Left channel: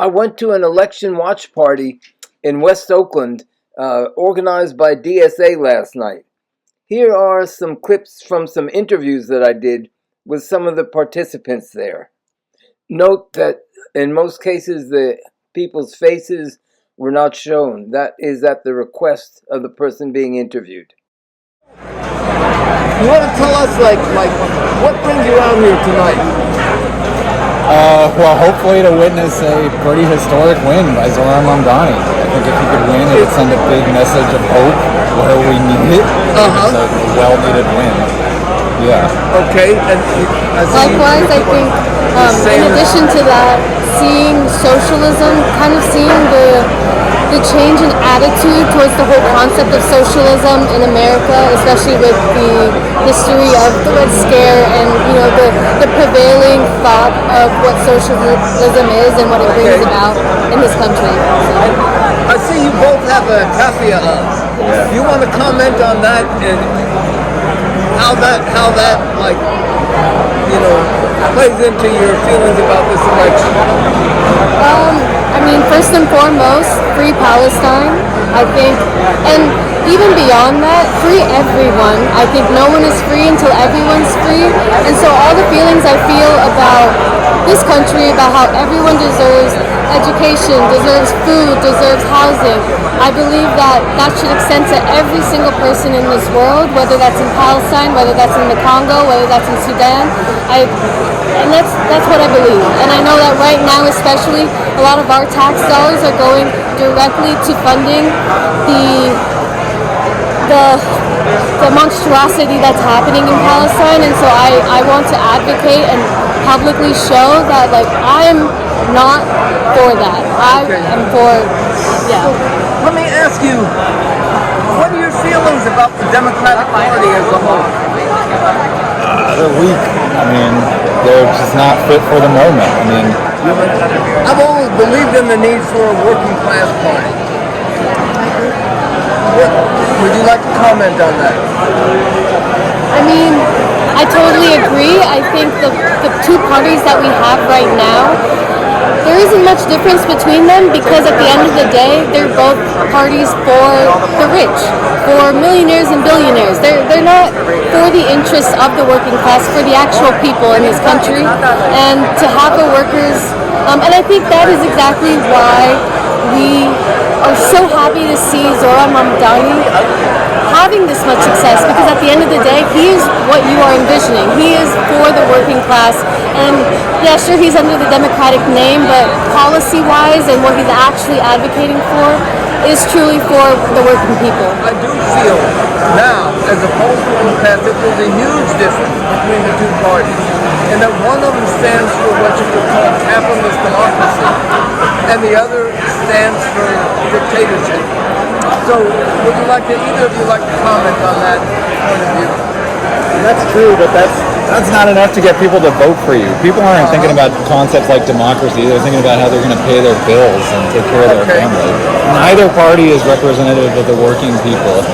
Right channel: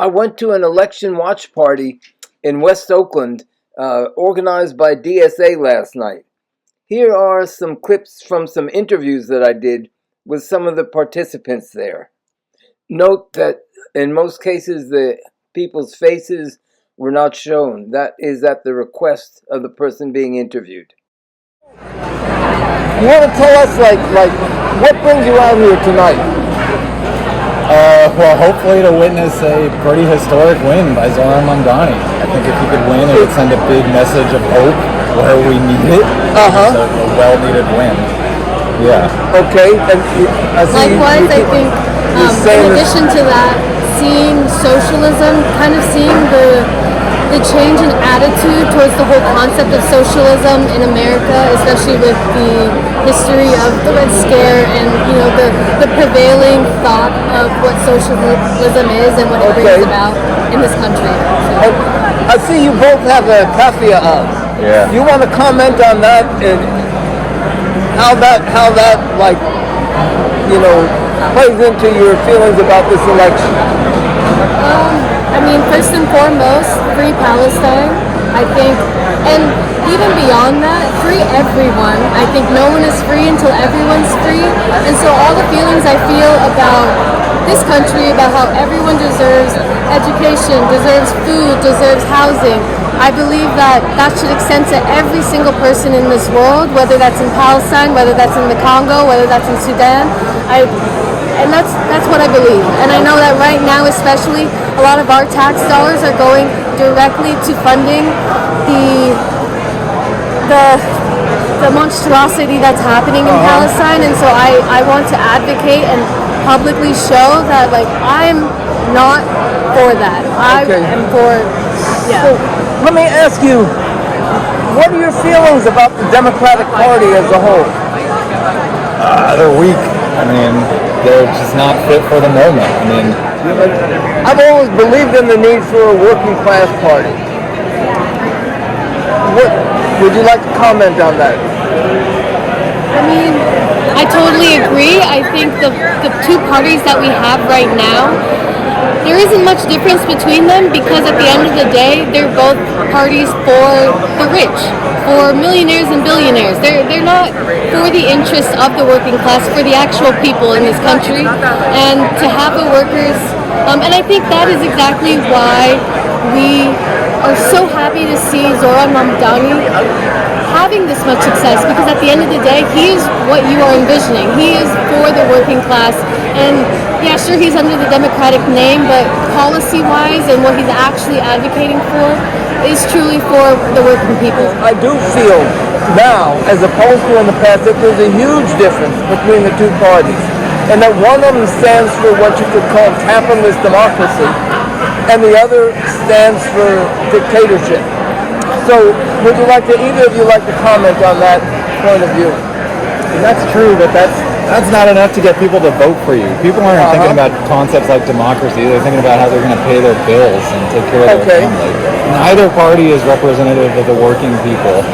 I went to an election watch party in West Oakland, organized by DSA last night. Here are some clips from some interviews that I did with some of the participants there. Note that in most cases the people's faces were not shown. That is at the request of the person being interviewed. You want to tell us, what brings you out here tonight? Well, hopefully to witness a pretty historic win by Zoran Mamdani. I think if he could win, it would send a big message of hope where we need it. So it's a well-needed win. Yeah. Okay. And likewise, I think in addition to that, seeing socialism, kind of seeing the change in attitude towards the whole concept of socialism in America, especially with the history of the Red Scare and the prevailing thought of what socialism is and what it brings about in this country. So. And I see you both have a kafia on. Yeah. Do you want to comment on that and how that plays into your feelings about this election? I mean, first and foremost, free Palestine, I think, and even beyond that, free everyone. I think no one is free until everyone's free, and so all the feelings I feel about this country, about how everyone deserves education, deserves food, deserves housing, I believe that should extend to every single person in this world, whether that's in Palestine, whether that's in the Congo, whether that's in Sudan. And that's what I believe. And I know that right now, especially, a lot of our tax dollars are going directly to funding the monstrosity that's happening in Palestine. And so I want to advocate and publicly show that, I'm not for that. I am for, So, let me ask you, what are your feelings about the Democratic Party as a whole? They're weak. I mean, they're just not fit for the moment. I mean, I've always believed in the need for a working class party. What would you like to comment on that? I mean, I totally agree. I think the two parties that we have right now, there isn't much difference between them because at the end of the day, they're both parties for the rich, for millionaires and billionaires. They're not for the interests of the working class, for the actual people in this country. And to have the workers, and I think that is exactly why we are so happy to see Zoran Mamdani having this much success, because at the end of the day, he is what you are envisioning. He is for the working class, and yeah, sure, he's under the Democratic name, but policy-wise and what he's actually advocating for is truly for the working people. I do feel now, as opposed to in the past, that there's a huge difference between the two parties, and that one of them stands for what you could call capitalist democracy, and the other stands for dictatorship. So, would you like to, either of you like to comment on that point of view? that's true, but that's not enough to get people to vote for you. People aren't thinking about concepts like democracy. They're thinking about how they're going to pay their bills and take care of their family. Neither party is representative of the working people.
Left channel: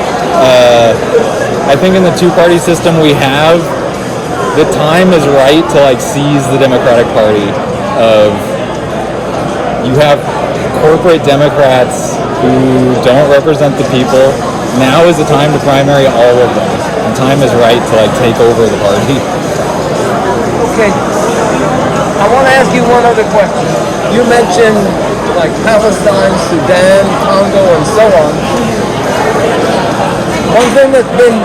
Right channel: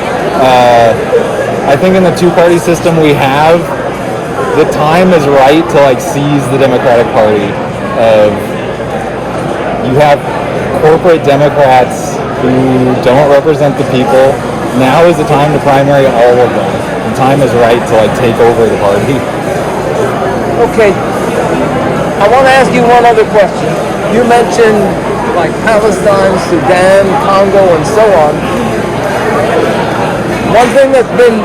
I think in the two-party system we have, the time is right to seize the Democratic Party. You have corporate Democrats who don't represent the people. Now is the time to primary all of them, and time is right to take over the party. Okay, I want to ask you one other question. You mentioned Palestine, Sudan, Congo, and so on. One thing that's been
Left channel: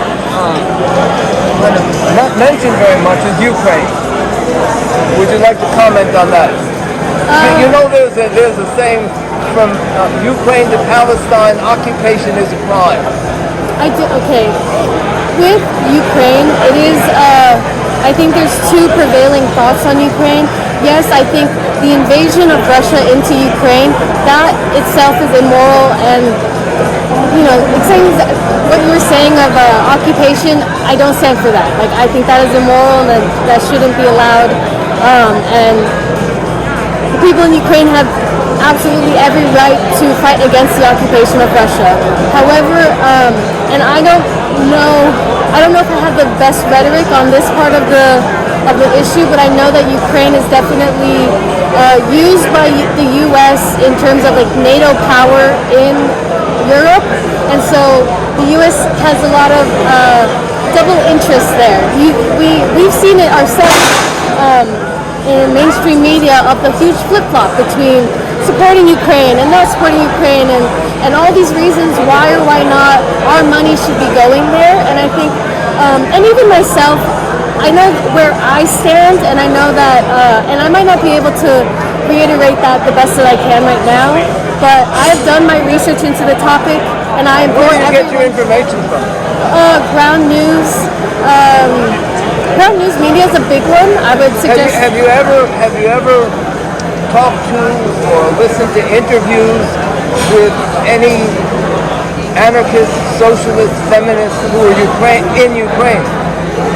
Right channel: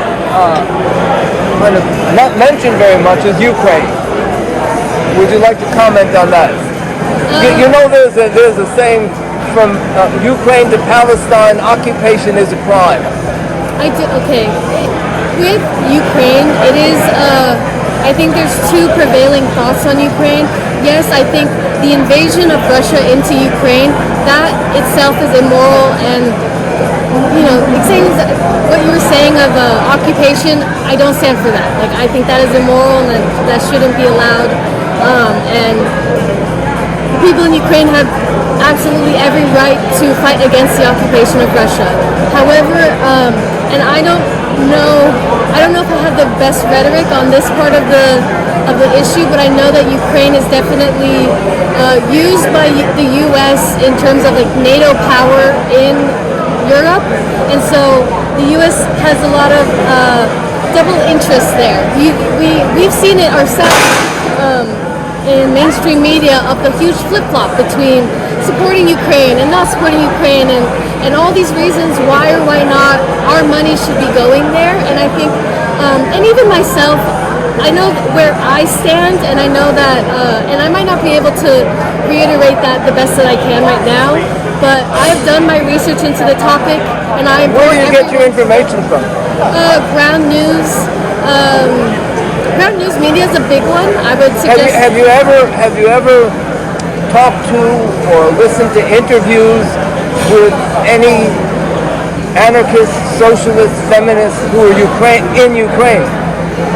kind of not mentioned very much is Ukraine. Would you like to comment on that? You know, there's a saying, from Ukraine to Palestine, occupation is a crime. I do. Okay, with Ukraine, it is. I think there's two prevailing thoughts on Ukraine. Yes, I think the invasion of Russia into Ukraine, that itself is immoral, and what you were saying of occupation, I don't stand for that. I think that is immoral and that shouldn't be allowed. And the people in Ukraine have absolutely every right to fight against the occupation of Russia. However, and I don't know if I have the best rhetoric on this part of the of the issue, but I know that Ukraine is definitely used by the U.S. in terms of like NATO power in Europe, and so the U.S. has a lot of double interest there. We've seen it ourselves in mainstream media of the huge flip-flop between supporting Ukraine and not supporting Ukraine, and all these reasons why or why not our money should be going there. And I think, and even myself, I know where I stand, and I know that, and I might not be able to reiterate that the best that I can right now, but I've done my research into the topic, and I am. Where do you get your information from? Ground news. Ground news media is a big one. I would suggest. Have you ever talked to or listened to interviews with any anarchist, socialist, feminists who are in Ukraine?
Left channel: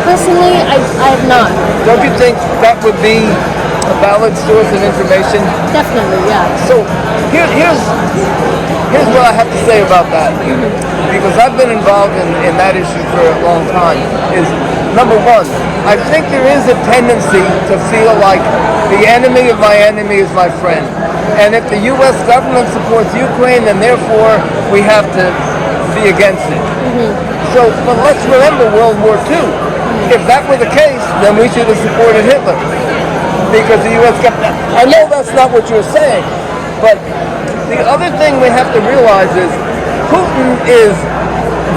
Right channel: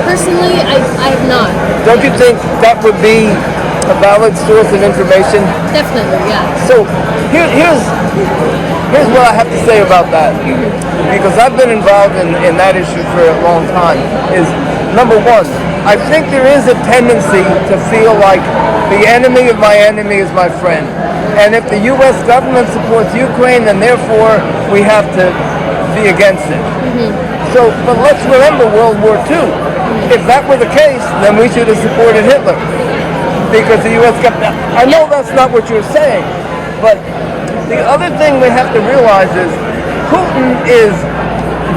Personally, I have not. Don't you think that would be a valid source of information? Definitely, yeah. So here's what I have to say about that, because I've been involved in that issue for a long time. Is number one, I think there is a tendency to feel like the enemy of my enemy is my friend, and if the U.S. government supports Ukraine, then therefore we have to be against it. So, but let's remember World War II. If that were the case, then we should have supported Hitler, because the U.S. government. I know that's not what you're saying, but the other thing we have to realize is Putin is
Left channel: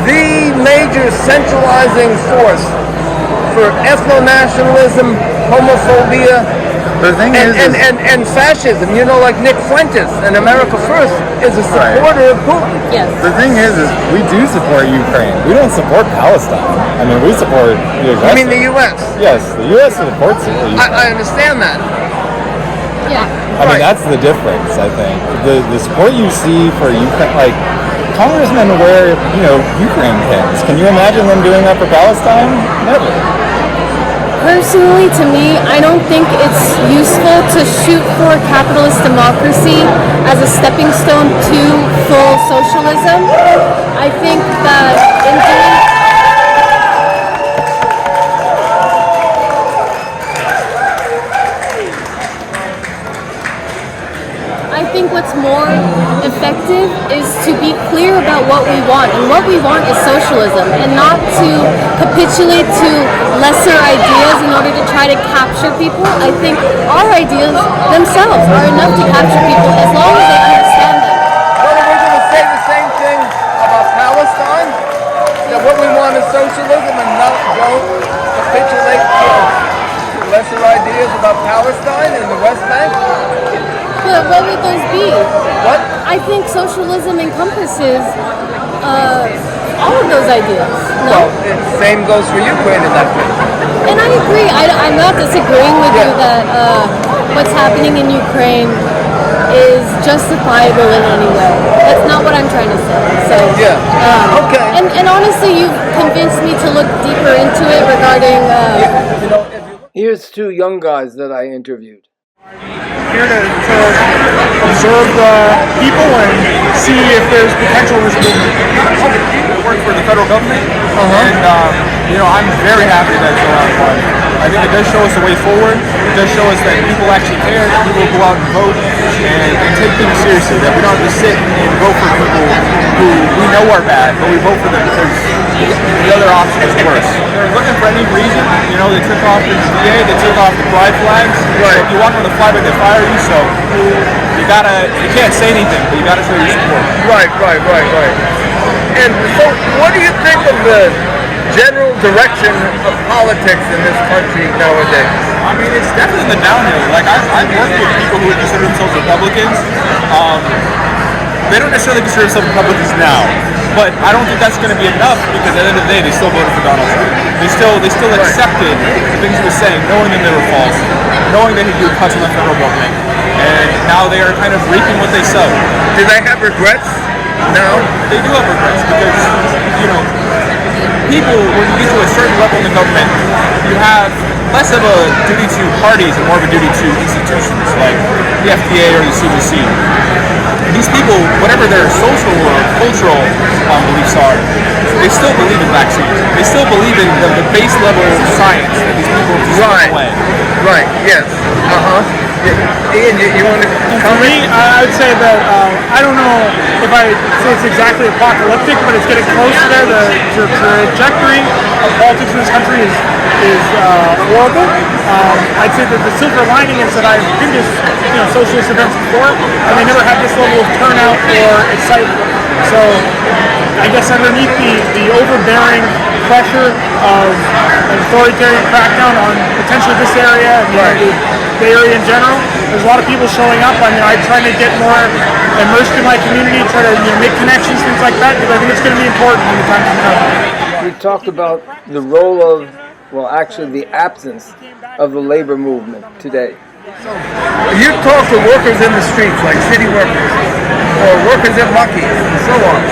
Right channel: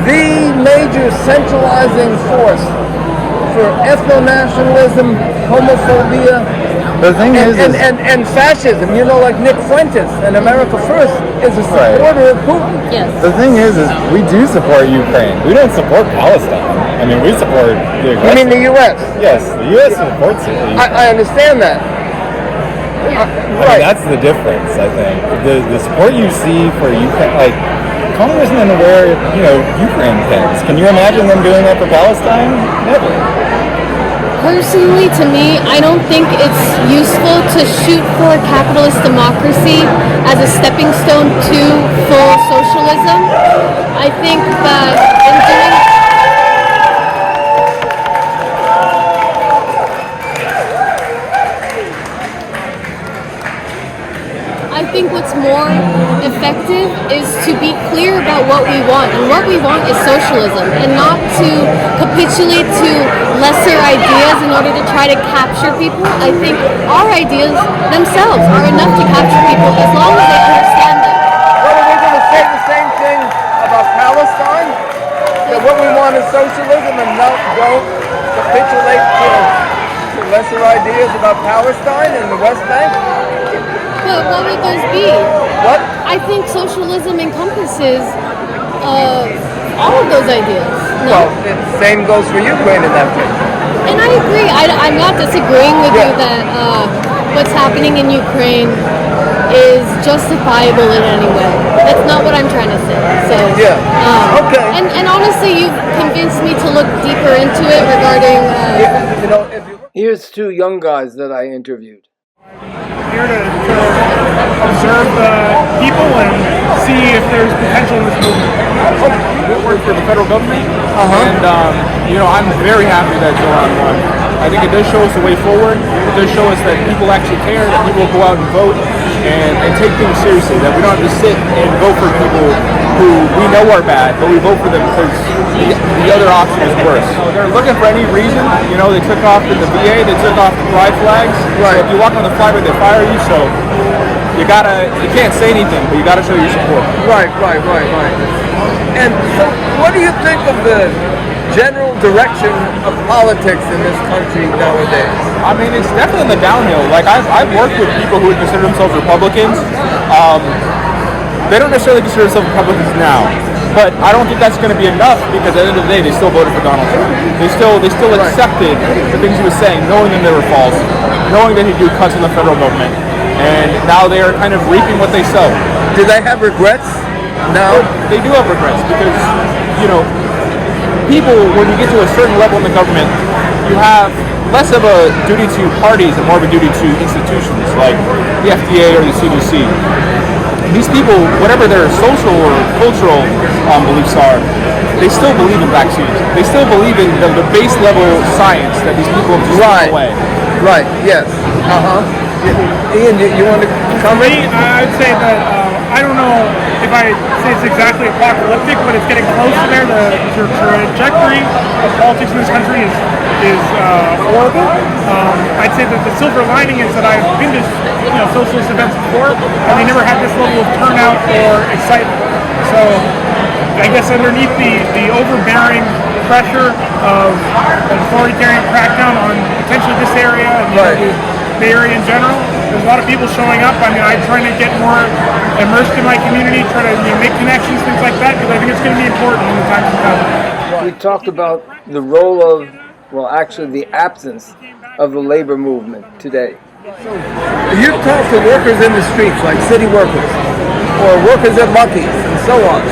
the major centralizing force for ethno-nationalism, homophobia, and fascism. You know, like Nick Fuentes and America First is a supporter of Putin. Yes. The thing is we do support Ukraine. We don't support Palestine. I mean, we support the aggressor. You mean the U.S.? Yes, the U.S. supports it. I understand that. Yeah. I mean, that's the difference, I think. The support you see for Ukraine, like, congressmen wear, Ukraine pins. Can you imagine them doing that for Palestine? Never. Personally, to me, I don't think it's useful to shoot for capitalist democracy as a stepping stone to full socialism. I think that in doing I think what's more effective is to be clear about what we want, and what we want is socialism, and not to capitulate to lesser ideas in order to try to capture people. I think our ideas themselves are enough to capture people as long as they understand them. What, are we going to say the same thing about Palestine? That what we want is socialism, and don't capitulate to lesser ideas about Palestine and the West Bank? But what would those be? What? I think socialism encompasses all of those ideas. No? Well, the same goes for Ukraine in that case. And I agree. I'm not disagreeing with you that what's happening in Ukraine is justifiable in any way. That's not what I'm trying to say. So okay. And honestly, you've convinced me to look deeper into it regarding. Here's two young guys that I interviewed. Here to observe the people and see if there's potential in this movement. I work for the federal government, and I'm very happy that Joanne won. I think it does show us the way forward. It does show us that people actually care, that people will go out and vote and take things seriously, that we don't just sit and vote for people who we know are bad, but we vote for them because the other option is worse. So they're looking for any reason. They took off in the VA, they took off the pride flags. Right. So if you walk on the flag, they fire you. So you can't say anything, but you gotta show your support. Right. And so, what do you think of the general direction of politics in this country nowadays? I mean, it's definitely in the downhill. Like, I've worked with people who consider themselves Republicans. They don't necessarily consider themselves Republicans now, but I don't think that's going to be enough, because at the end of the day, they still voted for Donald Trump. They still accepted the things he was saying, knowing that they were false, knowing that he'd do cuts on the federal government, and now they are kind of reaping what they sow. Do they have regrets? No. They do have regrets, because, people, when you get to a certain level in the government, you have less of a duty to parties and more of a duty to institutions like the FDA or the CDC. These people, whatever their social or cultural beliefs are, they still believe in vaccines. They still believe in the base level science that these people have just taken away. Right. Yes. Ian, you want to comment? For me, I would say that I don't know if I say it's exactly apocalyptic, but it's getting close to there. The trajectory of politics in this country is horrible. I'd say that the silver lining is that I've been to socialist events before, and they never had this level of turnout or excitement. So I guess underneath the overbearing pressure of an authoritarian crackdown on potentially this area and the Bay Area in general, there's a lot of people showing up. I mean, I'm trying to get more immersed in my community, try to make connections, things like that, because I think it's going to be important in the times to come. We talked about the role of, well, actually the absence of the labor movement today. So you talk to workers in the streets, like city workers, or workers at Lucky's, and so on.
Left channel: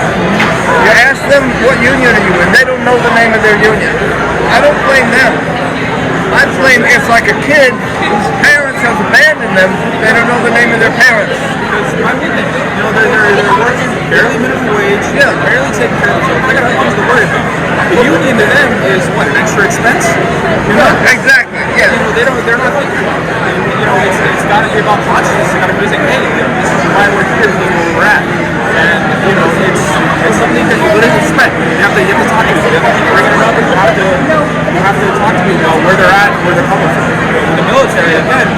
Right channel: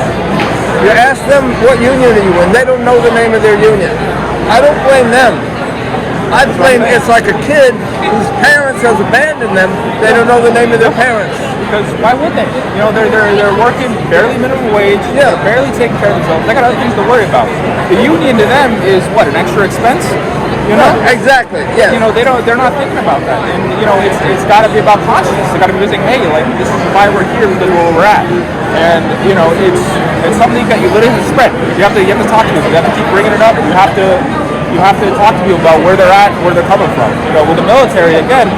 You ask them, what union are you in? They don't know the name of their union. I don't blame them. I blame, it's like a kid whose parents has abandoned them. They don't know the name of their parents. Because why would they? They're working barely minimum wage. Yeah. Barely taking care of themselves. They got other things to worry about. The union to them is what, an extra expense? Exactly. Yes. They're not thinking about that. And, it's got to be about consciousness. They got to be visiting, hey, like this is why we're here. This is where we're at. And it's something that you literally spread. You have to talk to them. You have to keep bringing it up. You have to talk to people about where they're at and where they're coming from. With the military, again,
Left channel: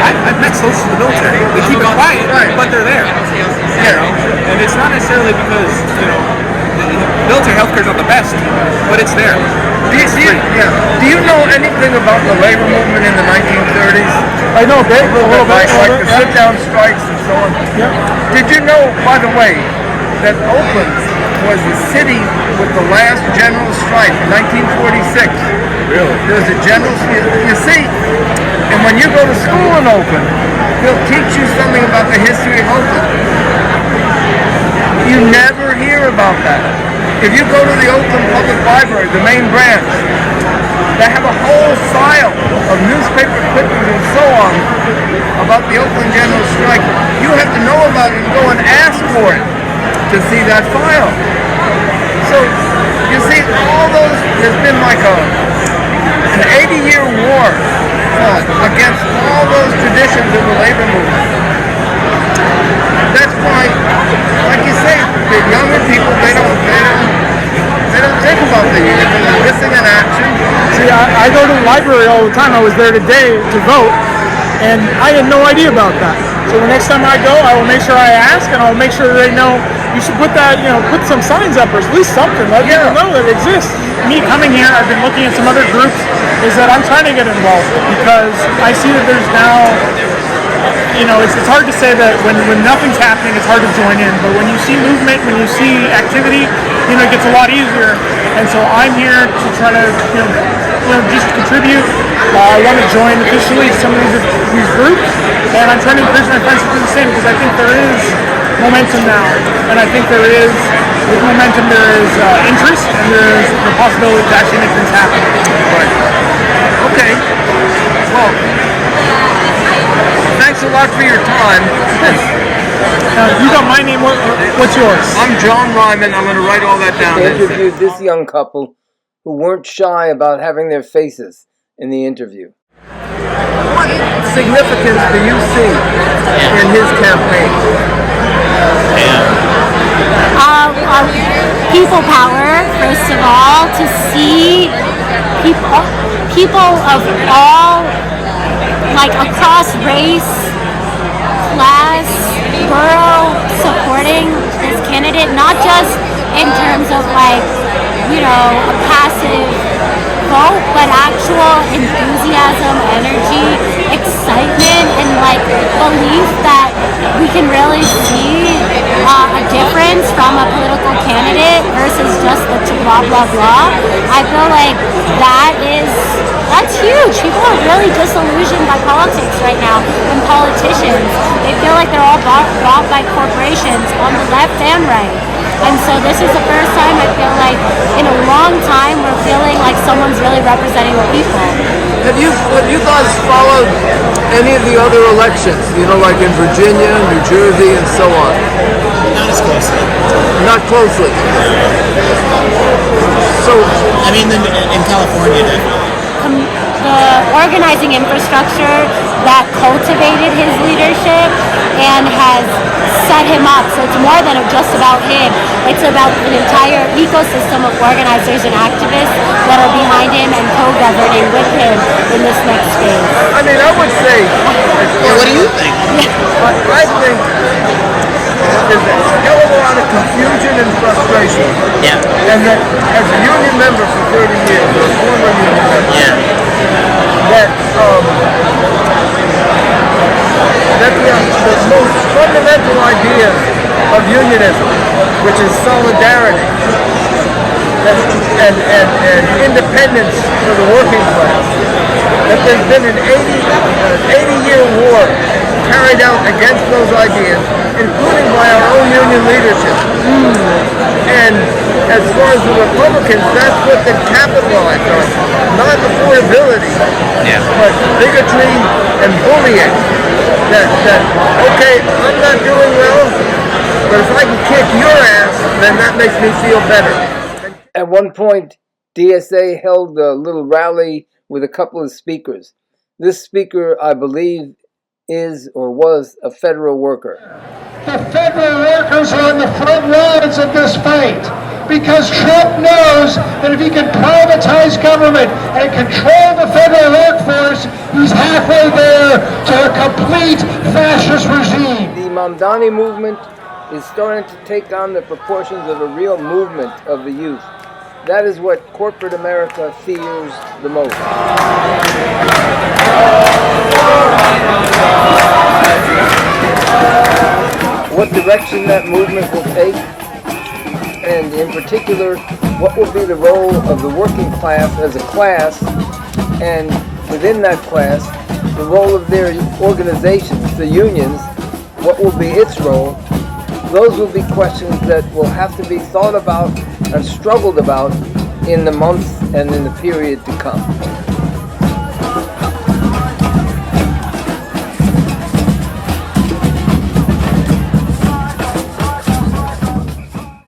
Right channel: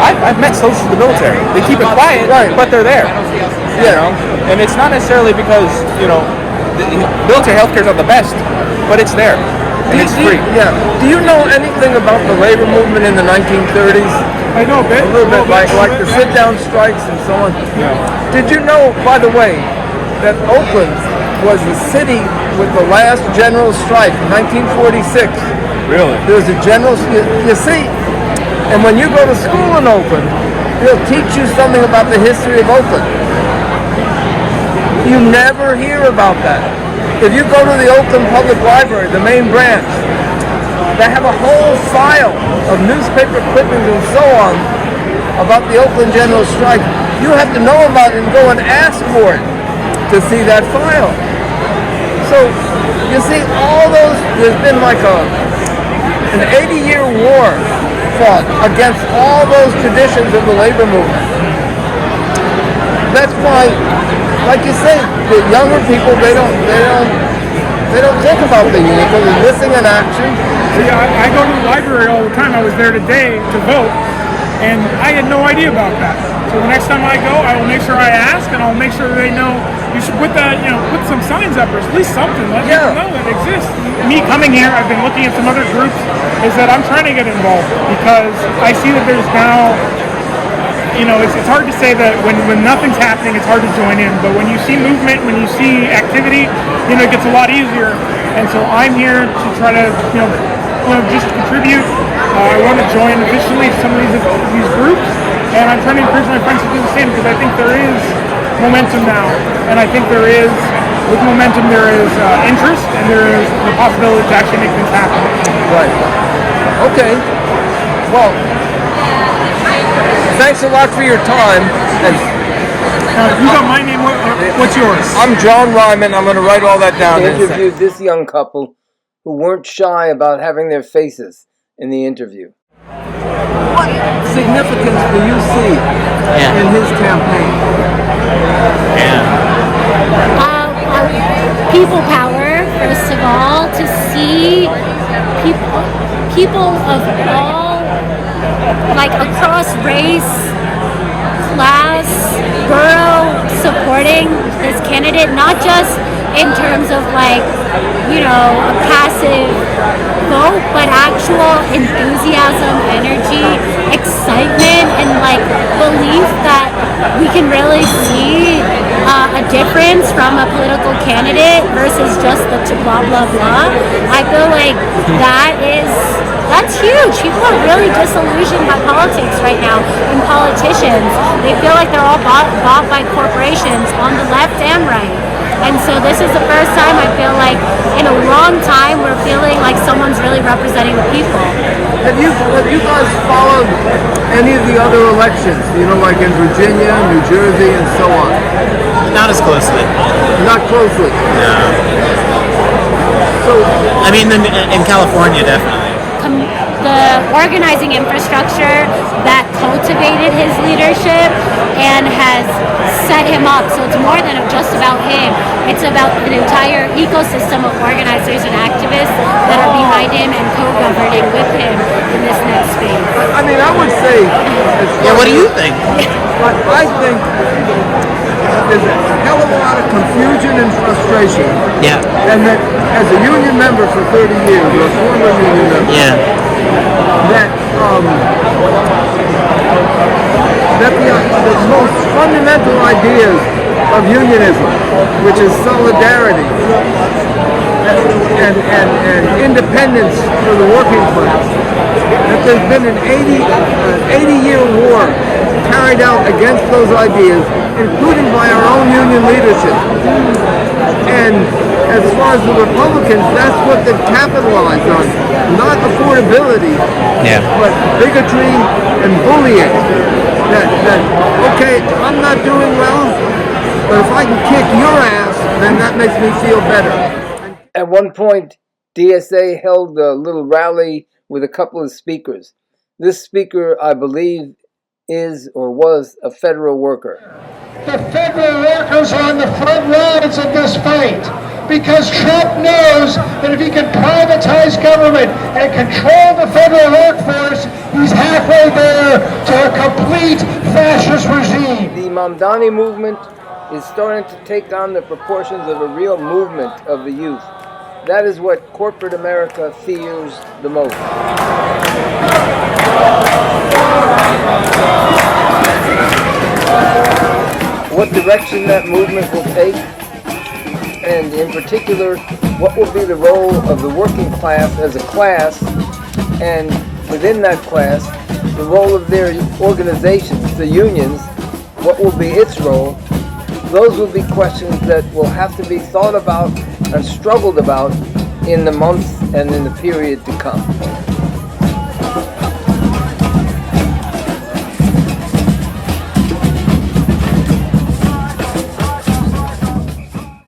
I've met socialists in the military. They keep it quiet, but they're there. And it's not necessarily because the military healthcare is not the best, but it's there. Do you know anything about the labor movement in the 1930s? I know a bit. A little bit, like the sit-down strikes and so on. Did you know, by the way, that Oakland was the city with the last general strike in 1946? Really? There was a general. You see, and when you go to school in Oakland, they'll teach you something about the history of Oakland. You never hear about that. If you go to the Oakland Public Library, the main branch, they have a whole file of newspaper clippings and so on about the Oakland General Strike. You have to know about it and go and ask for it to see that file. So, you see, there's been like an 80-year war fought against all those traditions of the labor movement. That's why, like you say, the younger people, they don't think about the union because they're missing an action. See, I go to the library all the time. I was there today to vote, and I had no idea about that. So the next time I go, I will make sure I ask, and I'll make sure they know you should put that, put some signs up or at least something. Let people know that it exists. Me coming here, I've been looking at some other groups, is that I'm trying to get involved because I see that there's now, it's hard to say that when nothing's happening, it's hard to join in. But when you see movement, when you see activity, it gets a lot easier. And so I'm here to try to, just contribute. I want to join officially some of these groups, and I'm trying to encourage my friends to do the same because I think there is momentum now, and I think with momentum there is interest, and there is the possibility to actually make things happen. Right. Okay. Well, thanks a lot for your time. And you got my name. What's yours? I'm John Ryman. I'm going to write all that down. They interviewed this young couple who weren't shy about having their faces in the interview. What significance do you see in his campaign? People power, first of all, to see people of all, like across race, class, borough, supporting this candidate, not just in terms of a passive vote, but actual enthusiasm, energy, excitement, and belief that we can really see a difference from a political candidate versus just the blah blah blah. I feel like that's huge. People are really disillusioned by politics right now and politicians. They feel like they're all bought by corporations on the left and right. And so this is the first time I feel like in a long time we're feeling like someone's really representing the people. Have you guys followed any of the other elections? Like in Virginia, New Jersey, and so on? Not as closely. Not closely. No. So, I mean, in California, definitely. The organizing infrastructure that cultivated his leadership and has set him up. So it's more than just about him. It's about an entire ecosystem of organizers and activists that are behind him and co-governing with him in this next phase. I mean, I would say, as far What do as you think? I think that there's a hell of a lot of confusion and frustration, Yeah. and that as a union member for 30 years, or a former union member, Yeah. that the most fundamental ideas of unionism, which is solidarity and independence for the working class, that there's been an 80-year war carried out against those ideas, including by our own union leadership. And as far as the Republicans, that's what they've capitalized on. Not affordability, but bigotry and bullying. That okay, I'm not doing well, but if I can kick your ass, then that makes me feel better. At one point, DSA held a little rally with a couple of speakers. This speaker, I believe, is or was a federal worker. The federal workers are on the front lines of this fight because Trump knows that if he can privatize government and control the federal workforce, he's halfway there to a complete fascist regime. The Mamdani movement is starting to take on the proportions of a real movement of the youth. That is what corporate America fears the most. What direction that movement will take, and in particular, what will be the role of the working class as a class, and within that class, the role of their organizations, the unions, what will be its role. Those will be questions that will have to be thought about and struggled about in the months and in the period to come.